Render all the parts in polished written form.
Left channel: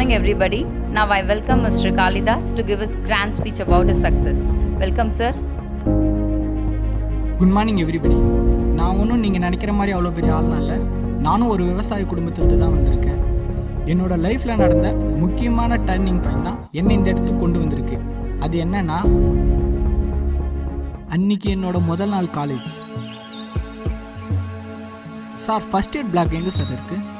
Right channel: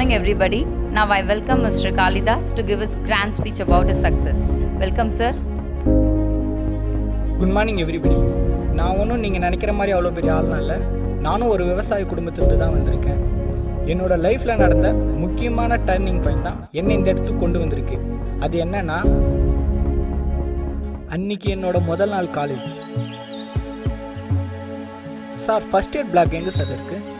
morning, everybody. Now I welcome Mr. Kalidas to give his grand speech about his success. Welcome, sir. Good morning everybody. நான் ஒன்றும் நீங்கள் நினைக்கிற மாதிரி அவ்வளோ பெரிய ஆள்லாம் இல்லை. நானும் ஒரு விவசாய குடும்பத்திலிருந்து தான் வந்திருக்கேன். என்னோடய லைஃப்பில் நடந்த முக்கியமான டர்னிங் பாயிண்ட் தான் என்னை இந்த இடத்துக்கு கொண்டு வந்திருக்கு. அது என்னன்னா, அன்னைக்கு என்னோட முதல் நாள் college. Sir, first eight block எங்கே சார் இருக்குது?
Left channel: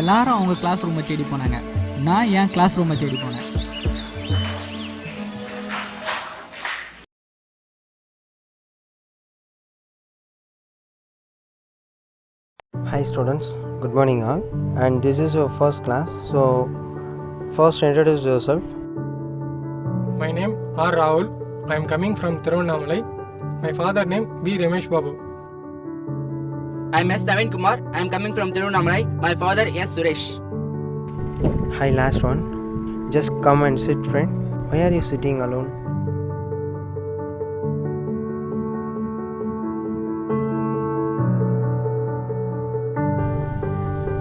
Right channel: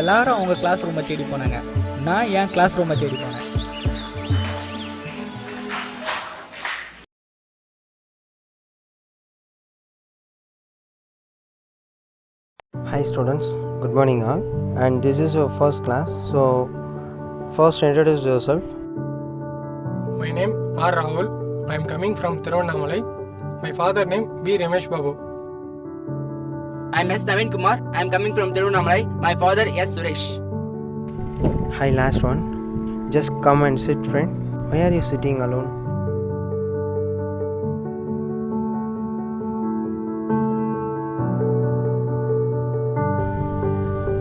எல்லாரும் அவங்க கிளாஸ் ரூமை தேடி போனாங்க. நான் என் கிளாஸ் ரூமை தேடி போனேன். Hi students, good morning all, and this is your first class, so first introduce yourself. My name R. Rahul. I am coming from Thiruvannamalai. My father name B. Ramesh Babu. I am S. Naveen Kumar. I am coming from Thiruvannamalai. My father S. Suresh. Hi last one, just come and sit friend. Why are you sitting alone?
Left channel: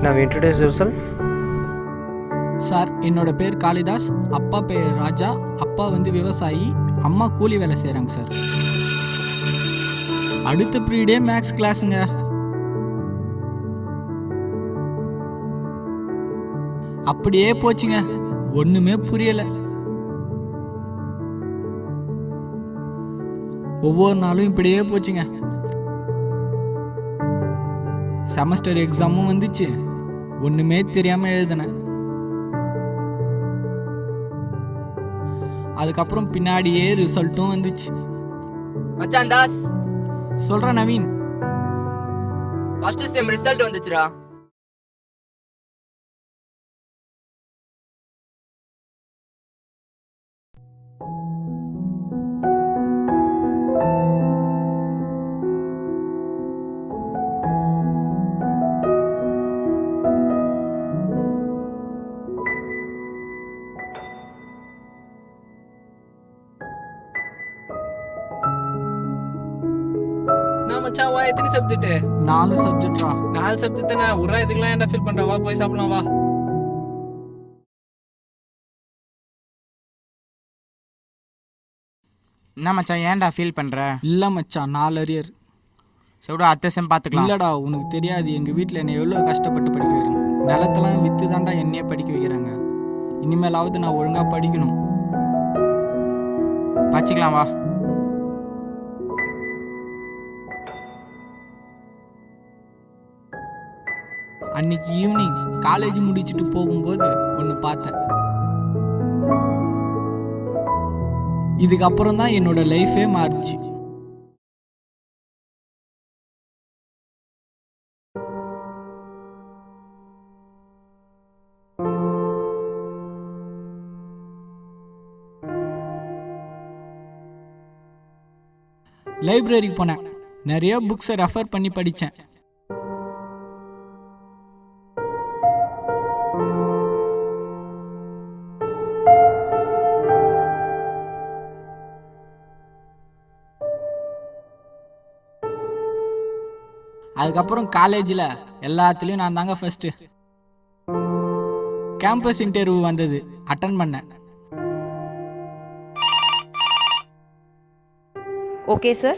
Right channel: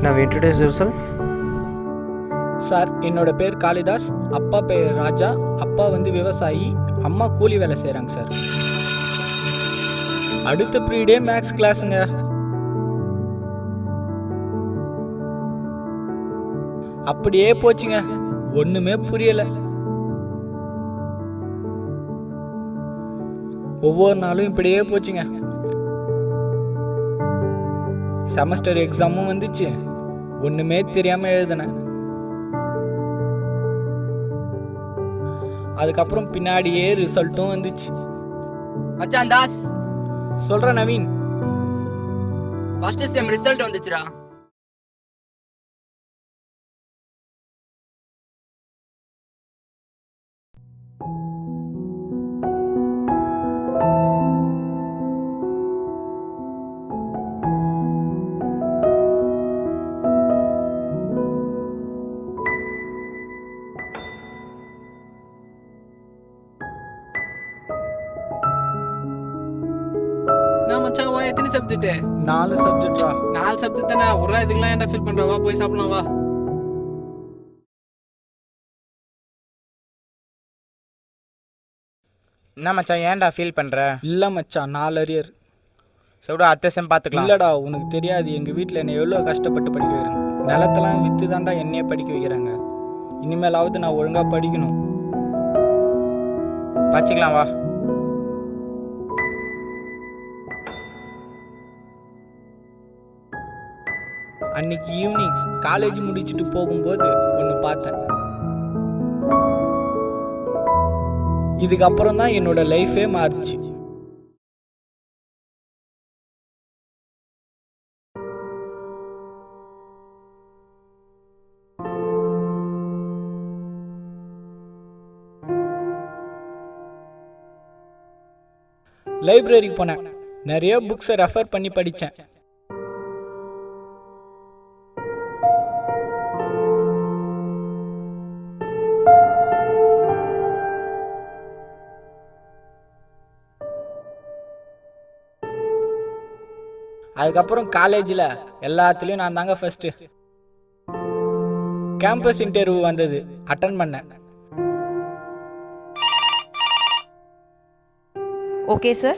Now introduce yourself. Sir, என்னோட பேர் காளிதாஸ். அப்பா பேர் ராஜா. அப்பா விவசாயி, அம்மா கூலி வேலை செய்கிறாங்க சார். அடுத்த பீரியடே மேக்ஸ் கிளாஸுங்க. அப்படியே போச்சுங்க, ஒன்றுமே புரியலை. ஒவ்வொரு நாளும் இப்படியே போச்சுங்க. செமஸ்டர் எக்ஸாமும் வந்துச்சு, ஒன்றுமே தெரியாமல் எழுதினேன். அதுக்கப்புறம் பின்னாடியே ரிசல்ட்டும் வந்துச்சு. மச்சான் தாஸ், சொல்கிற நவீன், ஃபர்ஸ்ட் செம் ரிசல்ட் வந்துச்சுடா. மச்சான் வா, எத்தனை சப்ஜெக்ட்? 4 சப்ஜெக்டா? 4 சப்ஜெக்ட் தானே. ஒரு இதுக்கெல்லாம் ஏன்டா ஃபீல் பண்ற? வா போய் சாப்பிடலாம் வா. என்ன மச்சான், ஏன்டா ஃபீல் பண்ணுற? இல்லை மச்சான், 4 அரியர். சொல்டா, அடுத்த செம் பார்த்துக்கலாம். இல்லைடா, உனக்கு தெரியாது எங்கள் வீட்டில் என்னை எவ்வளோ கஷ்டப்பட்டு படிக்க வைக்கிறாங்க. நிலத்தெல்லாம் விற்று தாண்டா என்னையே படிக்க வைக்கிறாங்க. இனிமேலாவது நான் ஒழுங்காக படிக்கணும். படிச்சுக்கலாம் வா. அன்னைக்கு ஈவினிங் காலேஜ் முடிச்சுட்டு போகும்போது ஒன்று பார்த்தேன். இதுக்கப்புறம் தான் என்னோட லைஃபே மாறிச்சு. லைப்ரரிக்கு போனேன். நிறைய புக்ஸை ரெஃபர் பண்ணி படித்தேன். அதுக்கப்புறம் காலேஜில் எல்லாத்துலேயும் நான் தாங்க ஃபஸ்ட்டு. கேம்பஸ் இன்டர்வியூ வந்தது, அட்டன் பண்ணேன். Okay, sir.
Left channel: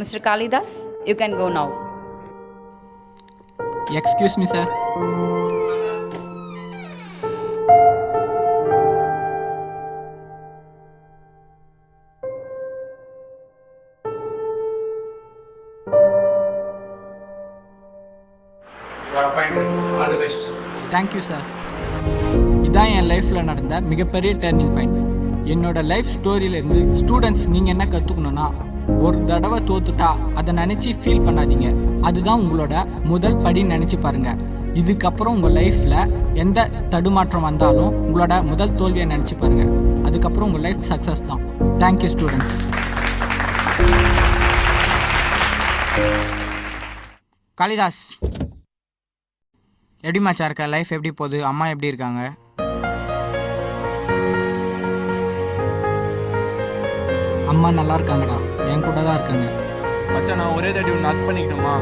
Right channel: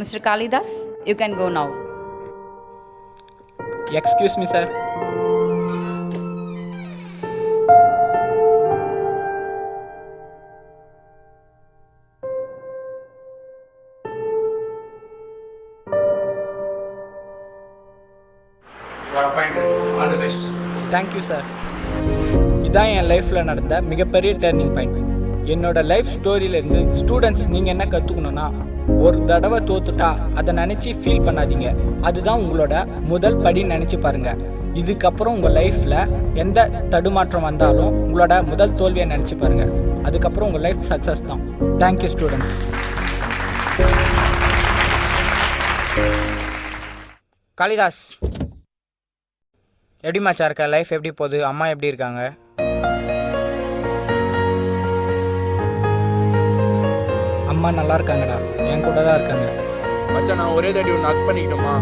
Mr. Kalidas, you can go now. Excuse me sir. Thank you sir. இதான் என் லைஃப்பில் நடந்த மிகப்பெரிய டர்னிங் பாயிண்ட். என்னோட லைஃப் ஸ்டோரியிலேருந்து ஸ்டூடெண்ட்ஸ் நீங்கள் என்ன கற்றுக்கணுன்னா, ஒரு தடவை தோத்துட்டா அதை நினச்சி ஃபீல் பண்ணாதீங்க. அதுதான் உங்களோட முதல் படின்னு நினச்சி பாருங்கள். இதுக்கப்புறம் உங்கள் லைஃப்பில் எந்த தடுமாற்றம் வந்தாலும் உங்களோட முதல் தோல்வியை நினச்சி பாருங்கள். அதுக்கப்புறம் உங்கள் லைஃப் சக்ஸஸ் தான். Thank you students. காளிதாஸ், எப்படி மச்சா இருக்க? லைஃப் எப்படி போகுது? அம்மா எப்படி இருக்காங்க? அம்மா நல்லா இருக்காங்கடா, என் கூட தான் இருக்காங்க. மச்சான் நான் ஒரே தாட்டி ஒன்று அக் பண்ணிக்கணுமா?